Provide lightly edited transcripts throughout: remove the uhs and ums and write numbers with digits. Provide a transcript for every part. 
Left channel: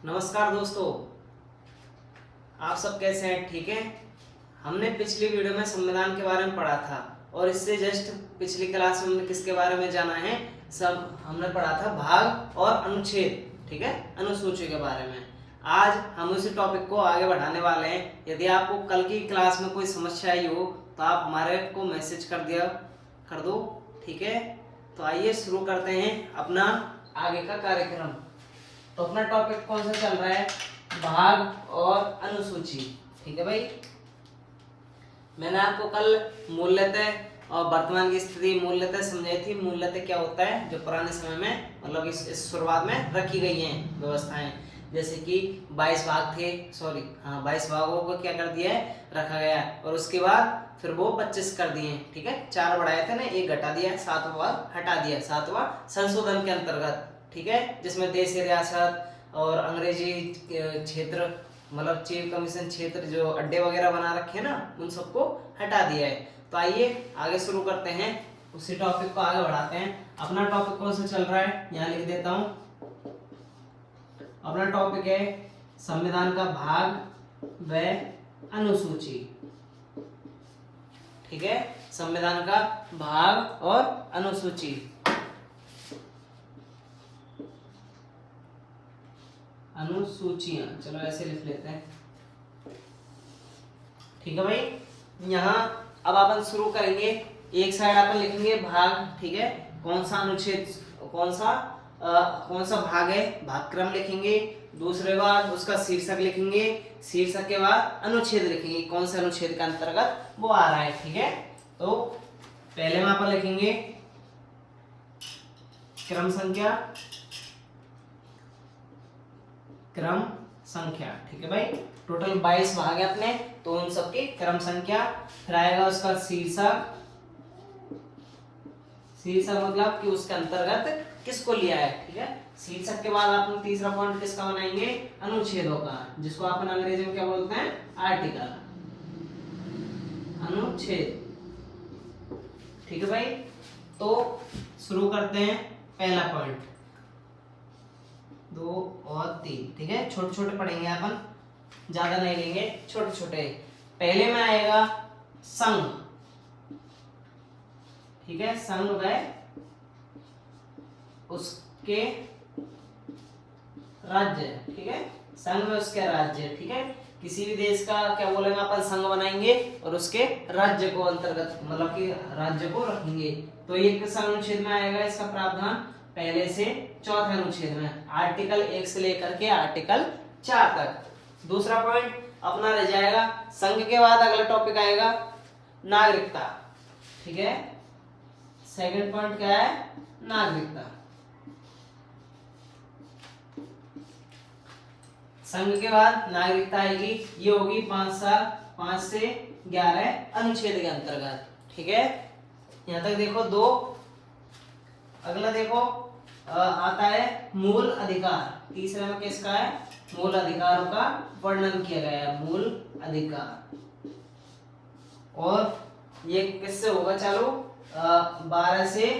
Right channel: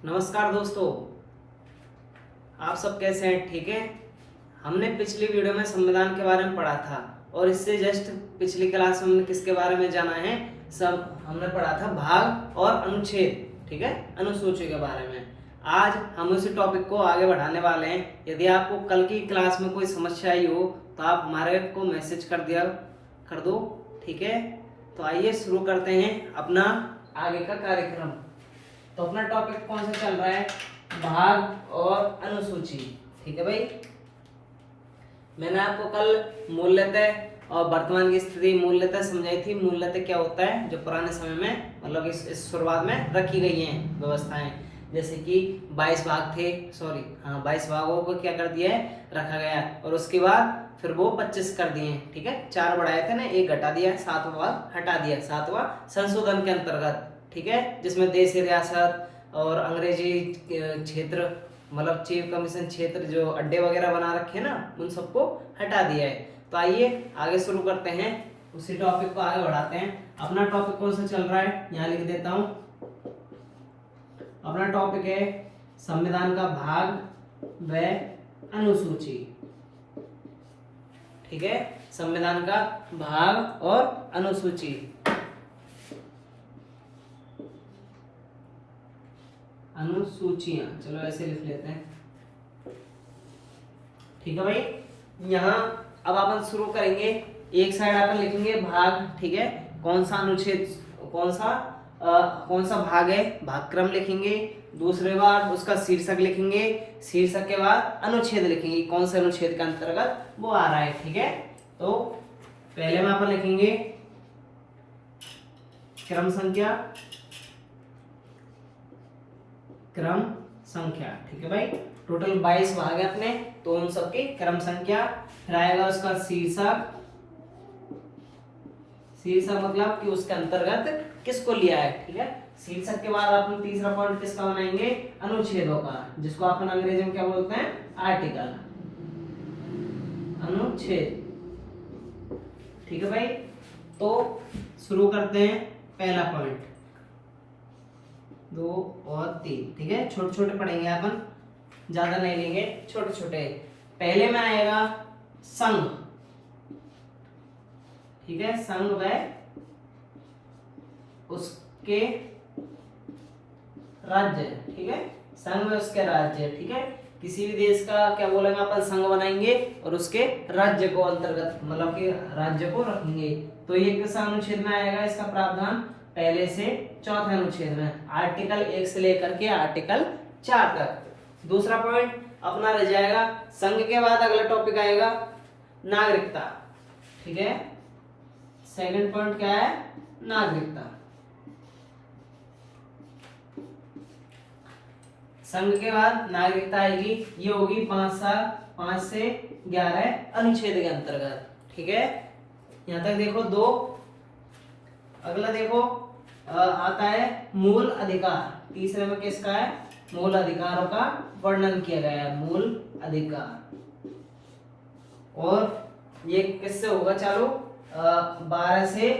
नमस्कार दोस्तों, आप सब कैसे हैं? ठीक है। हमने पिछली वीडियो में संविधान के बारे में पढ़ा था और इससे जस्ट पिछली क्लास में हमने किसके बारे में जाना है? सब हमने पढ़ा था भाग और अनुच्छेद, ठीक है, अनुसूची के बारे में। आज हम उसी टॉपिक को आगे बढ़ाने वाले हैं। यदि आपको कल की क्लास में कोई समस्या आई हो तो आप हमारे को मैसेज कर दो, ठीक है। तो आइए शुरू करते हैं अपना आगे का कार्यक्रम। तो अपना टॉपिक कौन सा चल रहा है? भाग और अनुसूची, ठीक है भाई। मैंने आपको कल मूल्यतः और वर्तमान की स्थिति मूल्यतः समझाई थी। मूल्यतः क्या होता है? जो पुराने समय में मतलब इस शुरुआत में रखी गई हैं व्यवस्थाएं, जैसे कि 22 भाग थे, 22 भागों को क्या कर दिया है? रखा गया। और उसके बाद फिर वो 25 कर दिए, ठीक है। 4 बढ़ाए थे ना, 1 घटा दिया, 7वां भाग हटा दिया, 7वां संशोधन के अंतर्गत, ठीक है, जिसमें देशी रियासत और अंग्रेजी क्षेत्र मतलब चीफ कमीशन क्षेत्र जो अड्डे वगैरह बना रखे हैं ना, उन सबको हटा दिया है। तो आइए आगे शुरू करते हैं, उसी टॉपिक को आगे बढ़ाते हैं। अपना टॉपिक कौन सा चल रहा है? यहाँ लिख देता हूँ। अपना टॉपिक है संविधान का भाग व अनुसूची, ठीक है। संविधान का भाग और अनुसूची। अनुसूचियां, चलो ऐसे लिख लेते हैं, ठीक है भाई। यहाँ अब अपन शुरू करेंगे। एक साइड अपन लिखेंगे भाग, ठीक है। कौन सा अनुच्छेद, कौन सा भाग है, भाग क्रम लिखेंगे। दूसरे बाद उसका शीर्षक लिखेंगे। शीर्षक के बाद अनुच्छेद लिखेंगे, कौन से अनुच्छेद के अंतर्गत वो आ रहा है, ठीक है। तो पहले में अपन लिखेंगे क्रम संख्या, ठीक है भाई। टोटल 22 भाग है अपने, तो उन सबकी क्रम संख्या। फिर आएगा उसका शीर्षक मतलब कि उसके अंतर्गत किसको लिया है, ठीक है। शीर्षक के बाद अपन तीसरा पॉइंट किसका बनाएंगे? अनुच्छेदों का, जिसको अपन अंग्रेजी में क्या बोलते हैं? आर्टिकल, अनुच्छेद, ठीक है भाई। तो शुरू करते हैं पहला पॉइंट, 2 और 3, ठीक है। छोटे छोटे पढ़ेंगे अपन, ज्यादा नहीं लेंगे, छोटे छोटे। पहले में आएगा संघ, ठीक है। संघ व उसके राज्य, ठीक है। संघ में उसके राज्य, ठीक है। किसी भी देश का क्या बोलेंगे अपन? संघ बनाएंगे और उसके राज्य को अंतर्गत मतलब कि राज्य को रखेंगे। तो ये किस अनुच्छेद में आएगा? इसका प्रावधान पहले से चौथे अनुच्छेद में, आर्टिकल 1 से लेकर के आर्टिकल 4 तक। दूसरा पॉइंट अपना रह जाएगा संघ के बाद अगला टॉपिक आएगा नागरिकता, ठीक है। सेकंड पॉइंट क्या है? नागरिकता। संघ के बाद नागरिकता आएगी, ये होगी 5 से 11 अनुच्छेद के अंतर्गत, ठीक है। यहां तक देखो 2। अगला देखो आता है मूल अधिकार। तीसरे में किसका है? मूल अधिकारों का वर्णन किया गया है, मूल अधिकार। और ये किससे होगा चालू? 12 से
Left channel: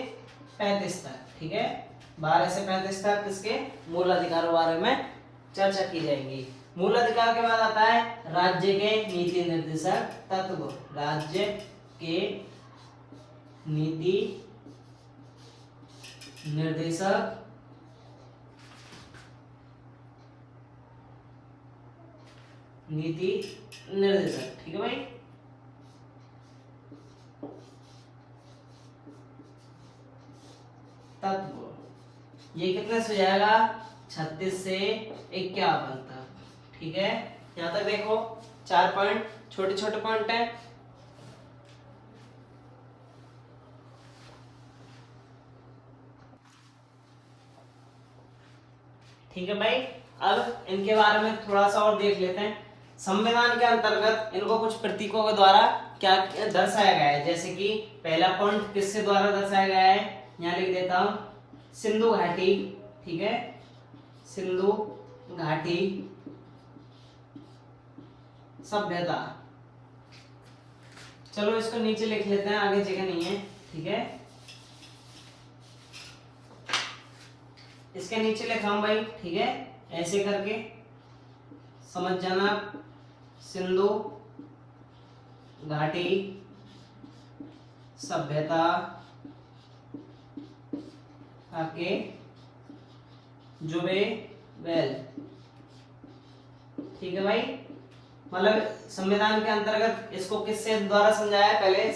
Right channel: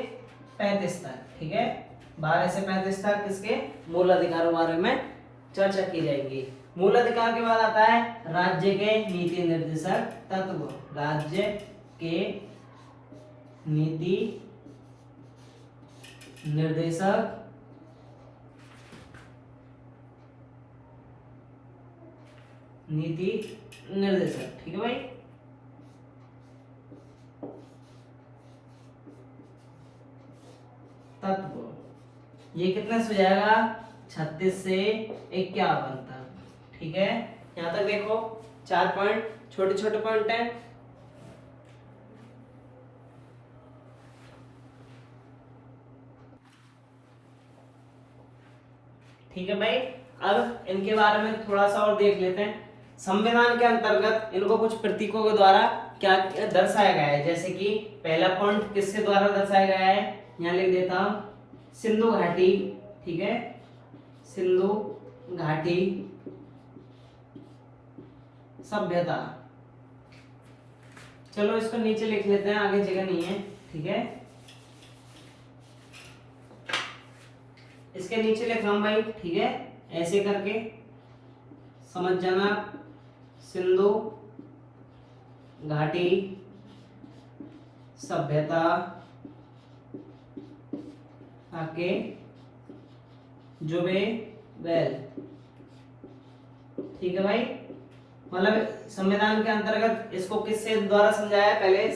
35 तक, ठीक है। 12 से 35 तक किसके? मूल अधिकारों बारे में चर्चा की जाएगी। मूल अधिकार के बाद आता है राज्य के नीति निर्देशक तत्व। राज्य के नीति निर्देशक ठीक है भाई। तत्व ये कितने से जाएगा? 36 से 51 तक, ठीक है। यहां तक देखो 4 पॉइंट, छोटे छोटे पॉइंट है। ठीक है भाई। अब इनके बारे में थोड़ा सा और देख लेते हैं। संविधान के अंतर्गत इनको कुछ प्रतीकों के द्वारा क्या दर्शाया गया है, जैसे कि पहला पॉइंट किसके द्वारा दर्शाया गया है? यहाँ लिख देता हूं, सिंधु घाटी, ठीक है। सिंधु घाटी सभ्यता। चलो इसको नीचे लिख लेते हैं, आगे जगह नहीं है, ठीक है। इसके नीचे लिखा हूं भाई, ठीक है। ऐसे करके समझ जाना, सिंधु घाटी सभ्यता के जुबेबेल। ठीक है भाई, मतलब संविधान के अंतर्गत इसको किससे द्वारा समझाया है? पहले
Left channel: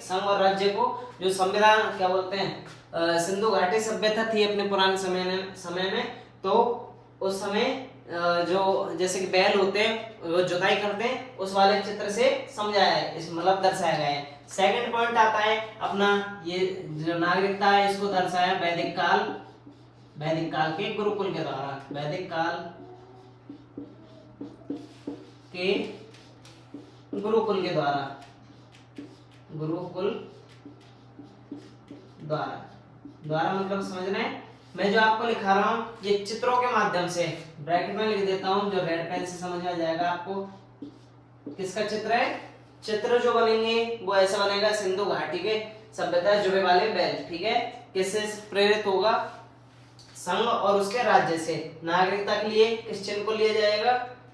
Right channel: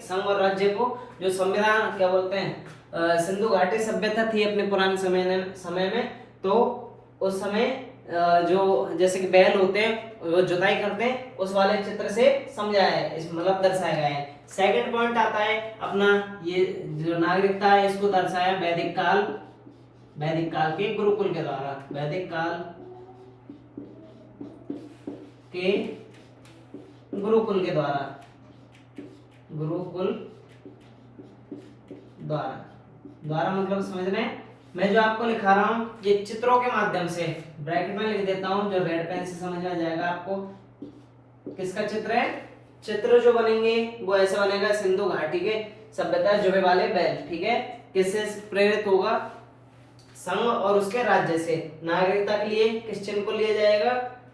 संघ और राज्य को, जो संविधान क्या बोलते हैं, सिंधु घाटी सभ्यता थी अपने पुराने समय में, तो उस समय जो जैसे कि बैल होते हैं वो जुताई करते हैं, उस वाले चित्र से समझाया है, इस मतलब दर्शाया गया है। सेकंड पॉइंट आता है अपना, ये जो नागरिकता है इसको दर्शाया वैदिक काल के गुरुकुल के द्वारा, वैदिक काल के गुरुकुल के द्वारा, द्वारा मतलब समझना है। मैं जो आपको लिखा रहा हूँ ये चित्रों के माध्यम से, ब्रैकेट में लिख देता हूँ, जो रेड पेन से समझ में आ जाएगा आपको। किसका चित्र है? चित्र जो बनेंगे वो ऐसा बनेगा, सिंधु घाटी के सभ्यता जुबे वाले बैल। ठीक है, किससे प्रेरित होगा? संघ और उसके राज्य से। नागरिकता के लिए किस चिन्ह को लिया जाएगा,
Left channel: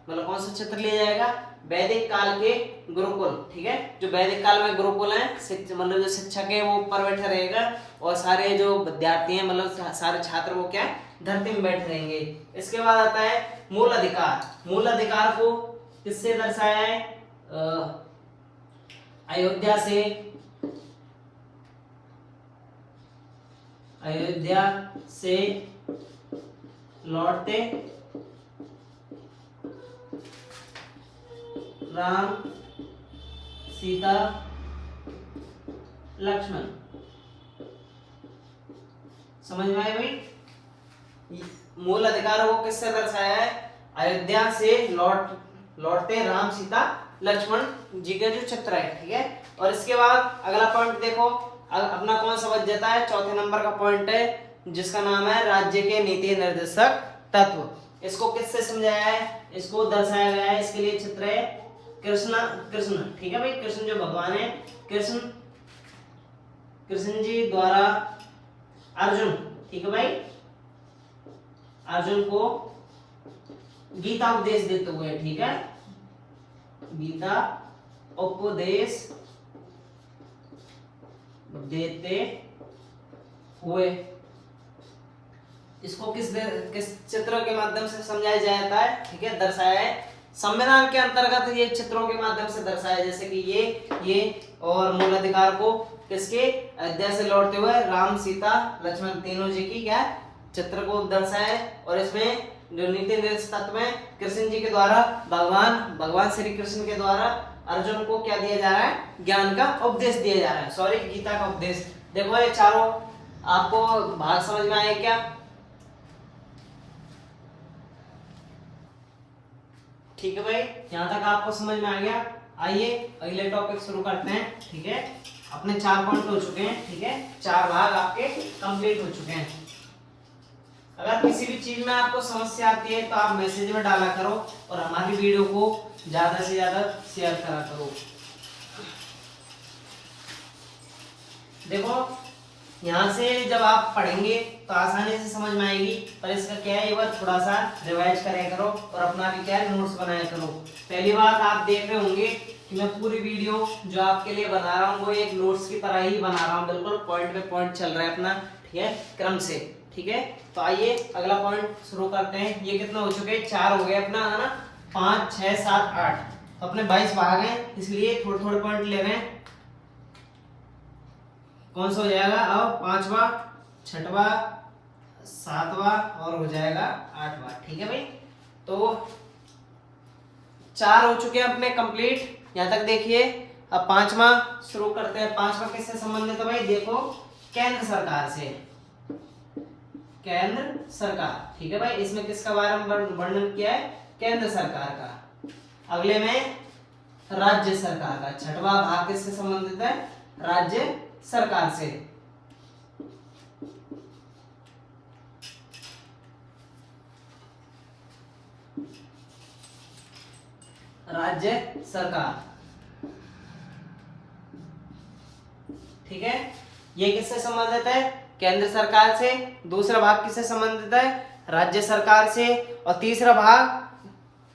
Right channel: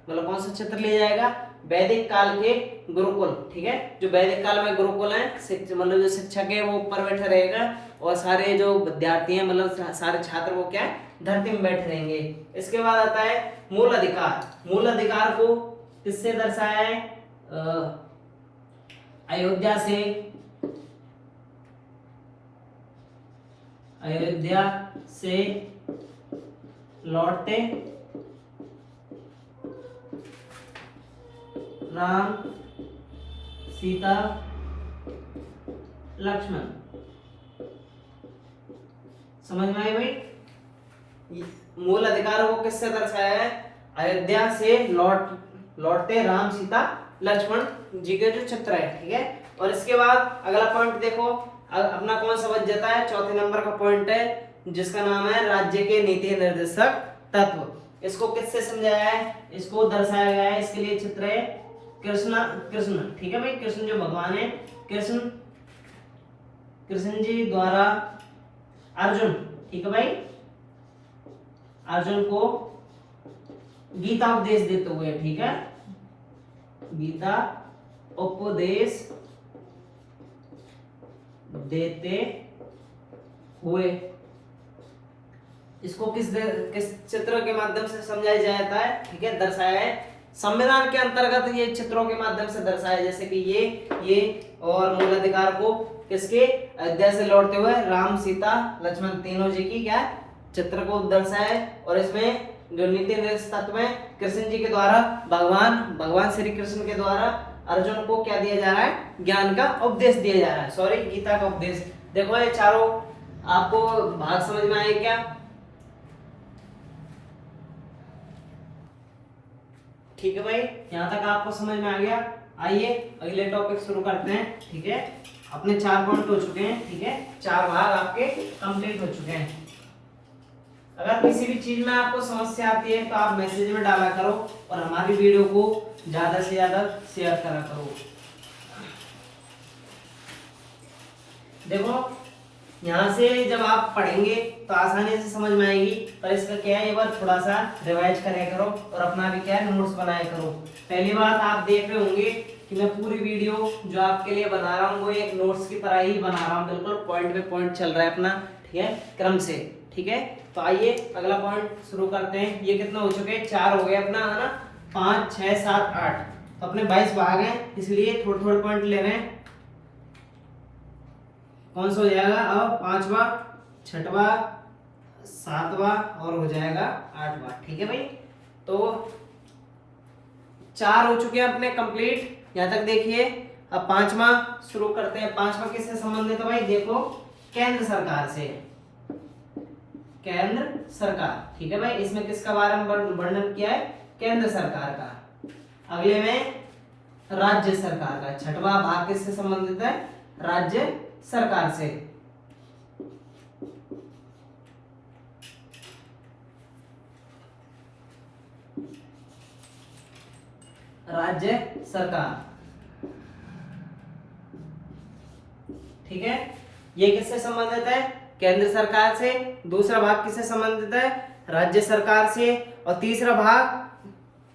मतलब कौन सा चित्र लिया जाएगा? वैदिक काल के गुरुकुल। ठीक है, जो वैदिक काल में गुरुकुल है, मतलब जो शिक्षक है वो ऊपर बैठा रहेगा और सारे जो विद्यार्थी हैं, मतलब सारे छात्र वो क्या धरती में बैठे रहेंगे। इसके बाद आता है मूल अधिकार। मूल अधिकार को किससे दर्शाया है? अयोध्या से लौटते राम, सीता, लक्ष्मण। समझ में आई भाई? मूल अधिकार को किससे दर्शाया है? अयोध्या से लौटते राम, सीता, लक्ष्मण जी के जो चित्र है। ठीक है, और इसके बाद अगला पॉइंट देखो, अपना कौन सा बच जाता है? चौथे नंबर का पॉइंट है जिसका नाम है राज्य के नीति निर्देशक तत्व। इसको किससे समझाया है? इसको दर्शाया गया है, इसके लिए चित्र है कृष्ण। ठीक है भाई, कृष्ण जो भगवान है, कृष्ण जी द्वारा अर्जुन, ठीक है भाई, अर्जुन को गीता उपदेश देते हुए। ठीक है, गीता उपदेश देते हुए इसको किस चित्रों के माध्यम से समझाया जाता है? ठीक है, दर्शाया है संविधान के अंतर्गत, ये चित्रों के माध्यम से दर्शाया, जैसे कि ये और मूल अधिकार को किसके? अयोध्या से लौटते हुए राम, सीता, लक्ष्मण तीनों जी की क्या चित्र को दर्शाया है। और इसमें जो नीति निर्देश तत्व में कृष्ण जी के द्वारा भगवान श्री कृष्ण के द्वारा अर्जुन को क्या दिया जा रहा है? ज्ञान का उपदेश दिया जा रहा है, सॉरी गीता का उपदेश। देखो ये चारों आपको भाग समझ में आए क्या? ठीक है भाई, यहाँ तक आपको समझ में आ गया। आइए अगले टॉपिक शुरू करते हैं। ठीक है, अपने 4 पॉइंट हो चुके हैं। ठीक है, 4 भाग आपके कंप्लीट हो चुके हैं। अगर किसी भी चीज में आपको समस्या आती है तो आप मैसेज में डाला करो और हमारी वीडियो को ज्यादा से ज्यादा शेयर करा करो। देखो यहाँ से जब आप पढ़ेंगे तो आसानी से समझ में आएगी, पर इसका क्या है, ये बार थोड़ा सा रिवाइज करे करो और अपना भी क्या है नोट्स बनाया करो। पहली बात आप देख रहे होंगे कि मैं पूरी वीडियो जो आपके लिए बना रहा हूँ वो एक नोट्स की तरह ही बना रहा हूँ, बिल्कुल पॉइंट पे पॉइंट चल रहा है अपना। ठीक है, क्रम से। ठीक है, तो आइए अगला पॉइंट शुरू करते हैं। ये कितना हो चुके? 4 हो गए अपना, है ना? 5, 6, 7, 8, तो अपने 22 भाग हैं, इसलिए थोड़े थोड़े पॉइंट ले रहे हैं। कौन सा हो जाएगा अब? 5वां, 6वां, 7वां और हो जाएगा 8वां। ठीक है भाई, तो 4 हो चुके हैं अपने कंप्लीट, यहाँ तक देखिए। अब 5वां शुरू करते हैं। 5वां किससे संबंधित है भाई? देखो, केंद्र सरकार से, केंद्र सरकार। ठीक है भाई, इसमें किसका बारे में वर्णन किया है? केंद्र सरकार का। अगले में राज्य सरकार का। 6वां भाग किससे संबंधित है? राज्य सरकार से। राज्य सरकार। ठीक है, ये किससे संबंधित है? केंद्र सरकार से। दूसरा भाग किससे संबंधित है? राज्य सरकार से, और तीसरा भाग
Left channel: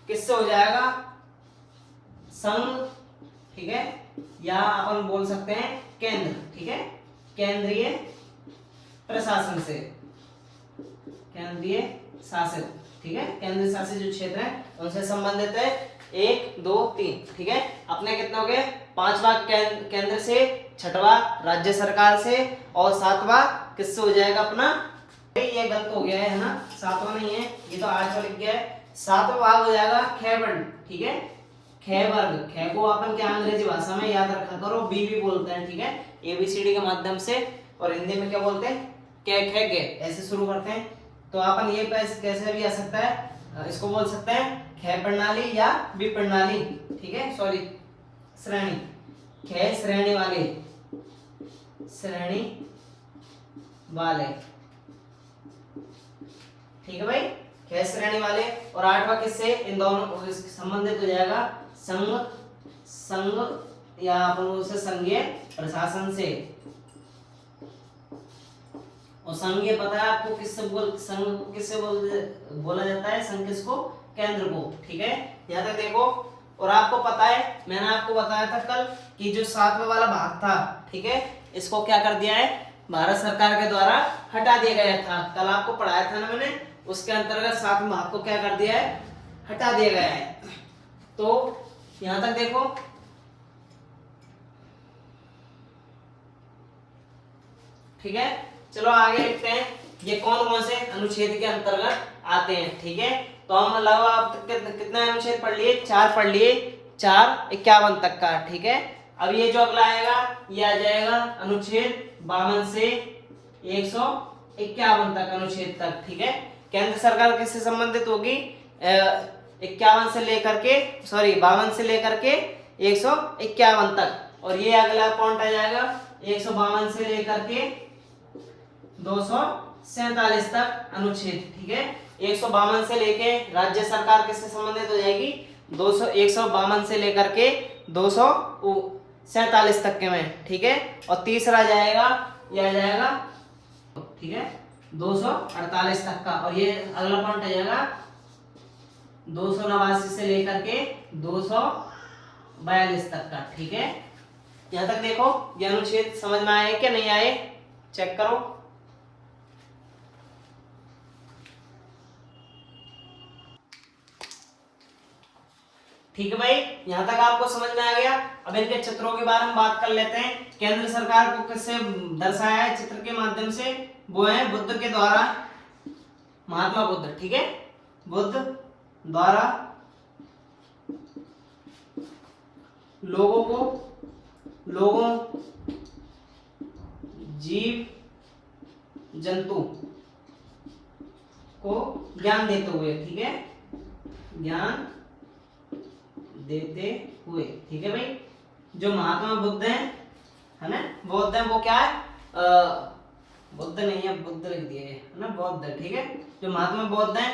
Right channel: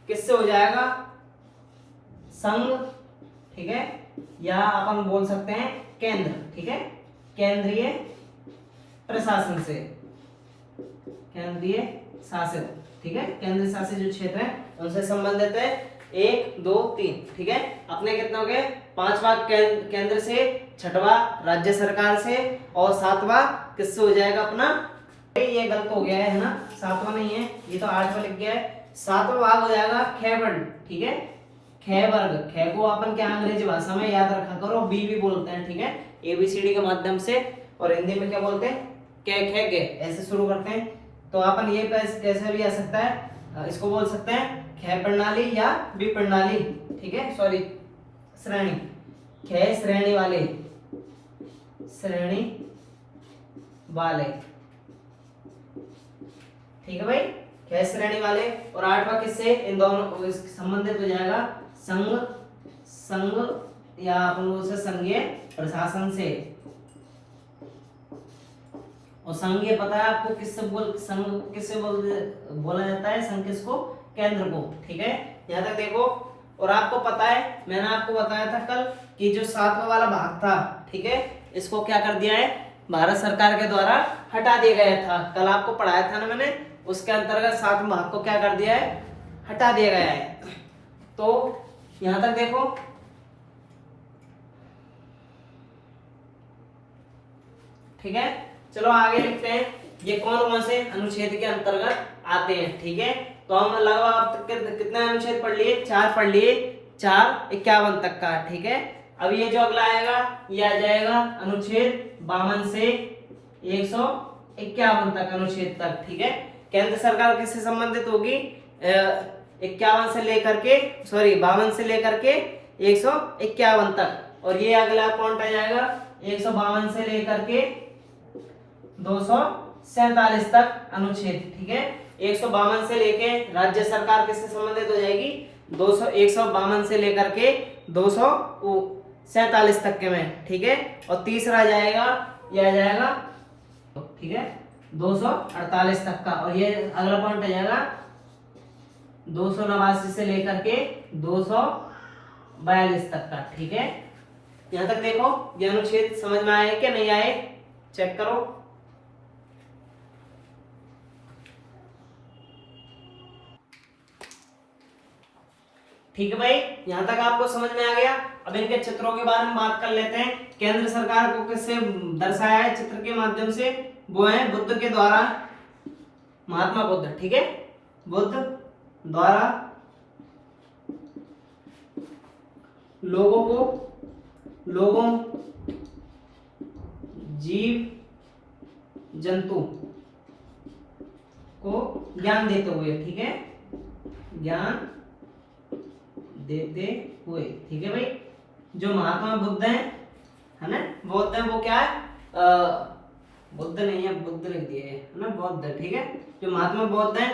किससे हो जाएगा, संघ, ठीक है, या अपन बोल सकते हैं केंद्र, ठीक है, केंद्रीय प्रशासन से, केंद्रीय शासित, ठीक है, केंद्रीय शासित जो क्षेत्र है उनसे संबंधित है। 1 2 3, ठीक है, अपने कितने हो गए, 5वां केंद्र से, 6वां राज्य सरकार से, और 7वां किससे हो जाएगा अपना, ये गलत हो गया है ना, 7वां नहीं है, ये तो 8वां लिख गया है। 7वां भाग हो जाएगा ख वर्ण, ठीक है, ख वर्ग, ख को अपन क्या अंग्रेजी भाषा में याद रखा करो, बी भी बोलते हैं, ठीक है, ABCD के माध्यम से, और हिंदी में क्या बोलते हैं, क ख ग, ऐसे शुरू करते हैं। तो अपन ये कैसे भी आ सकता है, इसको बोल सकते हैं ख प्रणाली या बी प्रणाली, ठीक है, सॉरी श्रेणी, ख श्रेणी वाले, श्रेणी वाले, ठीक है भाई, ख श्रेणी वाले। और 8वां किससे, इन दोनों संबंधित हो जाएगा, संघ, संघ या अपन उसे संघीय प्रशासन से, और संघीय पता है आपको किससे संघ किससे बोला जाता है, संघ किसको, केंद्र को, ठीक है, यहाँ तक देखो। और आपको पता है मैंने आपको बताया था कल कि जो 7वां वाला भाग था, ठीक है, इसको क्या कर दिया है, भारत सरकार के द्वारा हटा दिया गया था, कल आपको पढ़ाया था ना मैंने, उसके अंतर्गत 7वें भाग को क्या कर दिया है, हटा दिया गया है। तो यहां तक देखो, ठीक है, चलो आगे लिखते हैं, ये कौन से अनुच्छेद के अंतर्गत आते हैं, ठीक है। तो हम लगभग आप कितना अनुच्छेद पढ़ लिए, 4 पढ़ लिए, 4 51 तक का, ठीक है। अब ये जो अगला आएगा ये आ जाएगा अनुच्छेद 52 से 151 तक, अनुच्छेद तक, ठीक है। केंद्र सरकार किससे संबंधित होगी, 51 से लेकर के, सॉरी 52 से लेकर के 151 तक, और ये अगला पॉइंट आ जाएगा 152 से लेकर के 247 तक अनुच्छेद, ठीक है। 152 से लेके राज्य सरकार किससे संबंधित हो जाएगी, 152 से लेकर के 247 तक के में, ठीक है। और तीसरा जाएगा, यह जाएगा, ठीक है, 248 तक का, और ये अगला पॉइंट आ जाएगा 289 से लेकर के 242 तक का, ठीक है। यहां तक देखो, ये अनुच्छेद समझ में आए क्या नहीं आए, चेक करो। ठीक है भाई, यहां तक आपको समझ में आ गया। अब इनके चित्रों के बारे में बात कर लेते हैं। केंद्र सरकार को किससे दर्शाया है चित्र के माध्यम से, वो है बुद्ध के द्वारा, महात्मा बुद्ध, ठीक है, बुद्ध द्वारा लोगों जीव जंतु को ज्ञान देते हुए, ठीक है, ज्ञान देते हुए, ठीक है भाई। जो महात्मा बुद्ध है ना, बुद्ध है, वो क्या है, बुद्ध नहीं है, बुद्ध लिख दिए है ना, बौद्ध, ठीक है। जो महात्मा बुद्ध है